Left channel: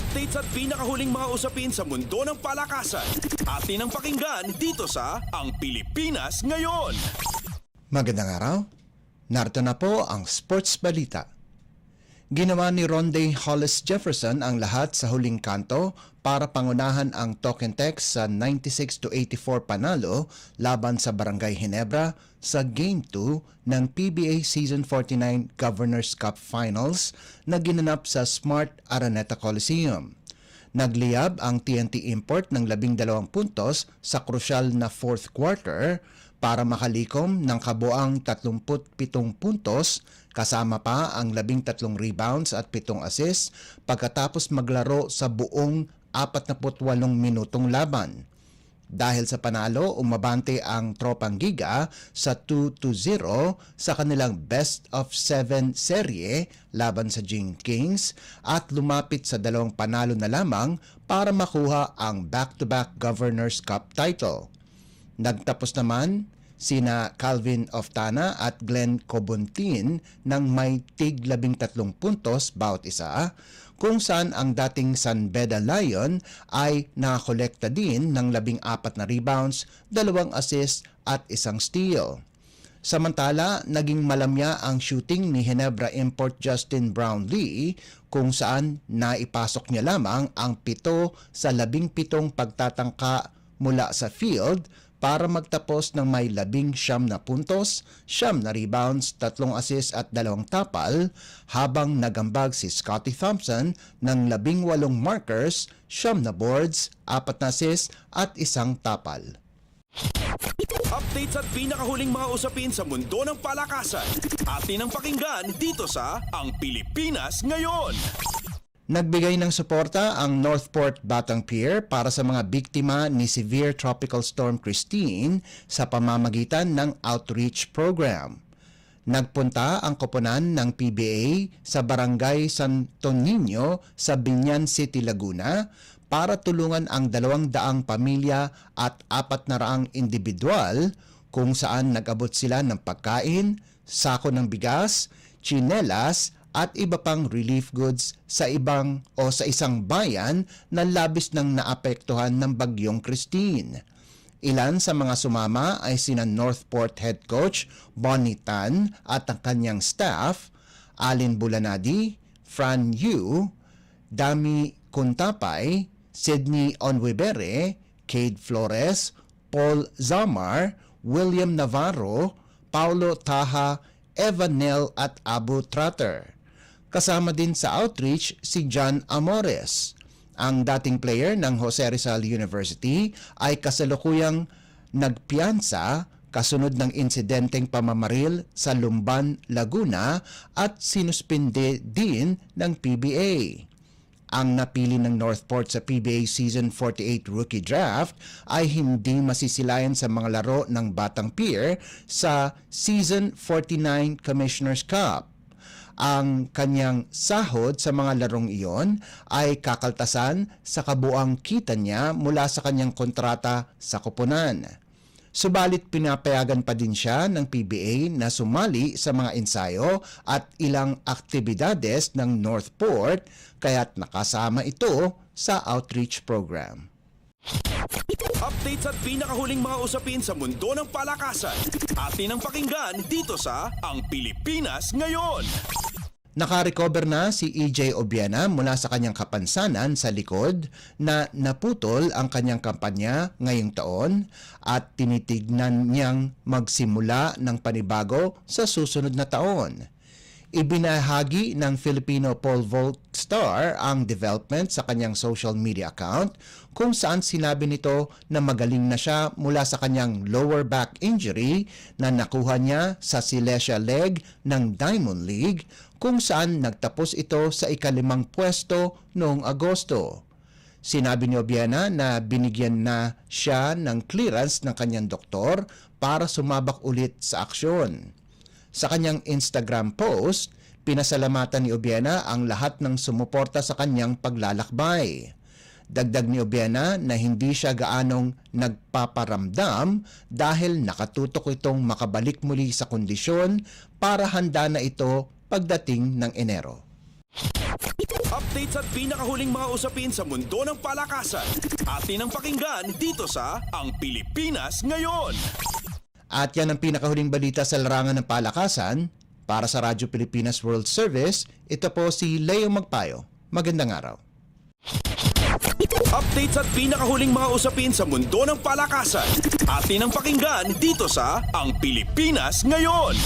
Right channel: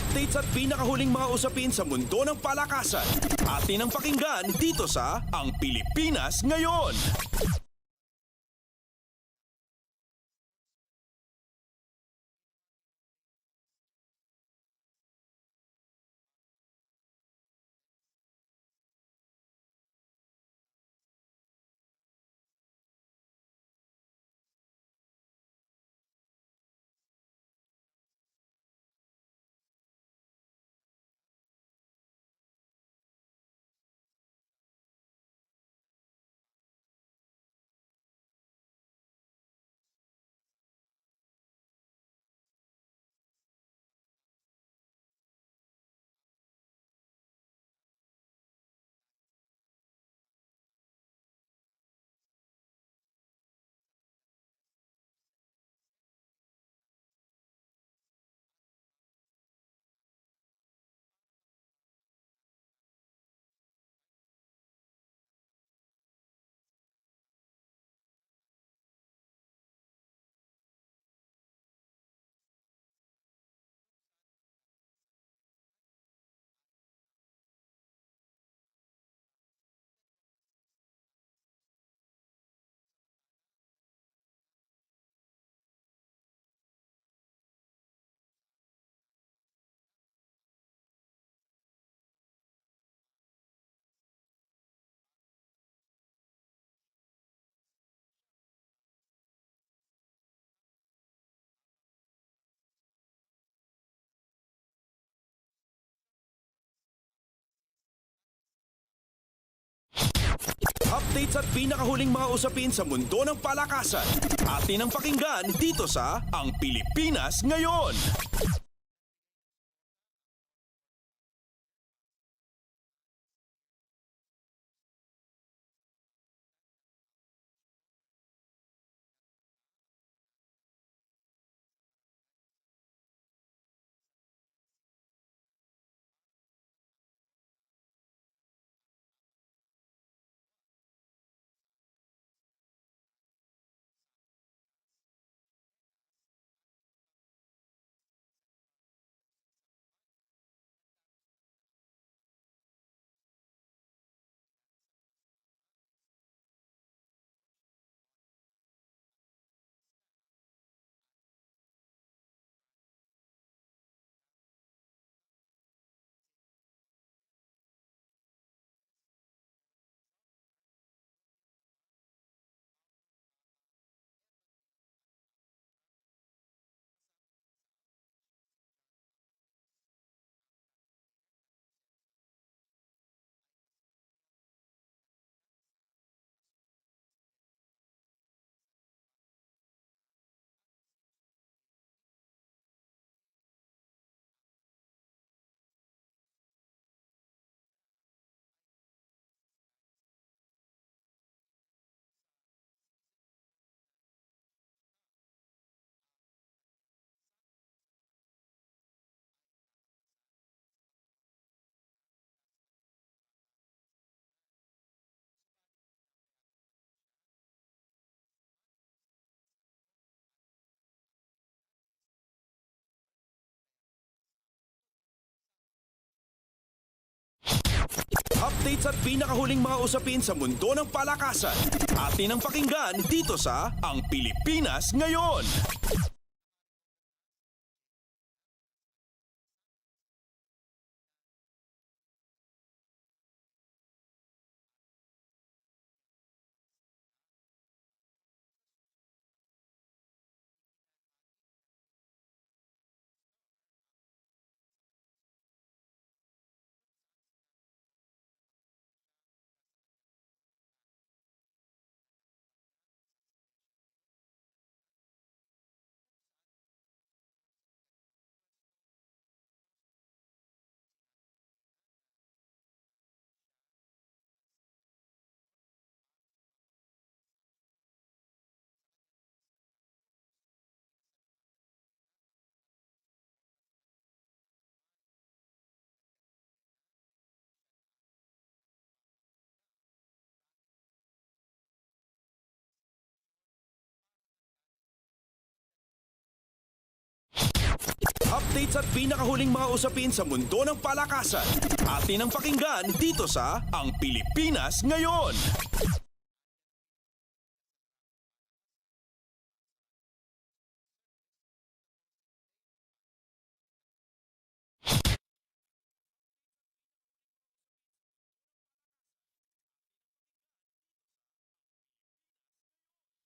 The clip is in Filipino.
Updates at pinakahuling mga usapin sa mundo ng palakasan. Atin ang pakinggan dito sa Ang Pilipinas Ngayon. Magandang araw. Narito na po ang Sports Balita. Ginawa ni Ronde Hollis Jefferson ang lahat sa huling kanto para pangunahan ang Token Tex sa 96-84 panalo laban sa Barangay Ginebra sa Game 2 ng PBA Season 49 Governors Cup Finals na ginanap sa Smart Araneta Coliseum. Nagliyab ang TNT Import ng 12 puntos sa krusyal na fourth quarter para makalikom ng kabuang 37 puntos kasama pa ang 13 rebounds at 7 assists pagkatapos maglaro sa buong 48 minutong laban. Dahil sa panalo, umabante ang Tropang Giga sa 2-0 sa kanilang best of 7 serye laban sa Jing Kings at lumapit sa 2 panalo na lamang para makuha ang back-to-back Governors Cup title. Nagtapos naman sina Calvin Oftana at Glenn Cobontin ng may tig 13 puntos bawat isa, kung saan ang dating San Beda Lion ay nakakolekta din ng 14 na rebounds, 2 assists at 1 steal. Samantala, naging malamya ang shooting ni Ginebra Import Justin Brownlee kung saan naipasok niya lamang ang 7 sa 17 pagtatangka mula sa field para magtapos ng may 19 na puntos, 9 na rebounds, 3 assists at 2 tapal, habang nagambag si Scotty Thompson ng 18 markers, 9 na boards, 4 na assists at 1 tapal. Updates at pinakahuling mga usapin sa mundo ng palakasan. Atin ang pakinggan dito sa Ang Pilipinas Ngayon. Nagbigay ng suporta ang Northport Batang Pier para sa mga biktima ni Severe Tropical Storm Christine sa pamamagitan ng outreach program. Nagpunta ang koponan ng PBA sa Barangay Santo Niño sa Binyan City, Laguna para tulungan ang 200 pamilya at 400 individual kung saan nag-abot sila ng pagkain, sako ng bigas, tsinelas, at iba pang relief goods sa isang bayan na labis nang naapektuhan ng bagyong Christine. Ilan sa mga sumama ay sina Northport Head Coach Bonnie Tan at ang kanyang staff, Alin Bulanadi, Fran Yu, Dami Kuntapay, Sydney Onwebere, Cade Flores, Paul Zamar, William Navarro, Paulo Taha, Evan Nel at Abu Trotter. Kasama din sa outreach si John Amores. Ang dating player ng Jose Rizal University ay kasalukuyang nagpiyansa kasunod ng insidenteng pamamaril sa Lumban, Laguna at sinuspinde din ng PBA. Ang napili ng Northport sa PBA Season 48 Rookie Draft ay hindi masisilayan sa mga laro ng Batang Pier sa Season 49 Commissioner's Cup. Ang kanyang sahod sa mga larong iyon ay kakaltasan sa kabuang kita niya mula sa kanyang kontrata sa koponan. Subalit pinapayagan pa din siya ng PBA na sumali sa mga ensayo at ilang aktibidades ng Northport kaya't nakasama ito sa outreach program. Updates at pinakahuling mga usapin sa mundo ng palakasan. Atin ang pakinggan dito sa Ang Pilipinas Ngayon. Nakarecover na si EJ Obiena mula sa kanyang kapansanan sa likod na naputol ang kanyang kampanya ngayong taon at tinitignan niyang magsimula ng panibago sa susunod na taon. Ibinahagi ng Filipino pole vault star ang development sa kanyang social media account kung saan sinabi nito na magaling na siya mula sa kanyang lower back injury na nakuha niya sa Silesia leg ng Diamond League kung saan nagtapos ito sa ika-5 pwesto noong Agosto. Sinabi ni Obiena na binigyan na siya ng clearance ng kanyang doktor para sumabak ulit sa aksyon. Sa kanyang Instagram post, pinasalamatan ni Obiena ang lahat ng sumuporta sa kanyang paglalakbay. Dagdag ni Obiena na hindi siya gaanong nagpaparamdam dahil nakatutok itong makabalik muli sa kondisyon para handa na ito pagdating ng Enero. Updates at pinakahuling mga usapin sa mundo ng palakasan. Atin ang pakinggan dito sa Ang Pilipinas Ngayon. At yan ang pinakahuling balita sa larangan ng palakasan. Para sa Radyo Pilipinas World Service, ito po si Leo Magpayo. Magandang araw. Updates at pinakahuling mga usapin sa mundo ng palakasan. Atin ang pakinggan dito sa Ang Pilipinas Ngayon.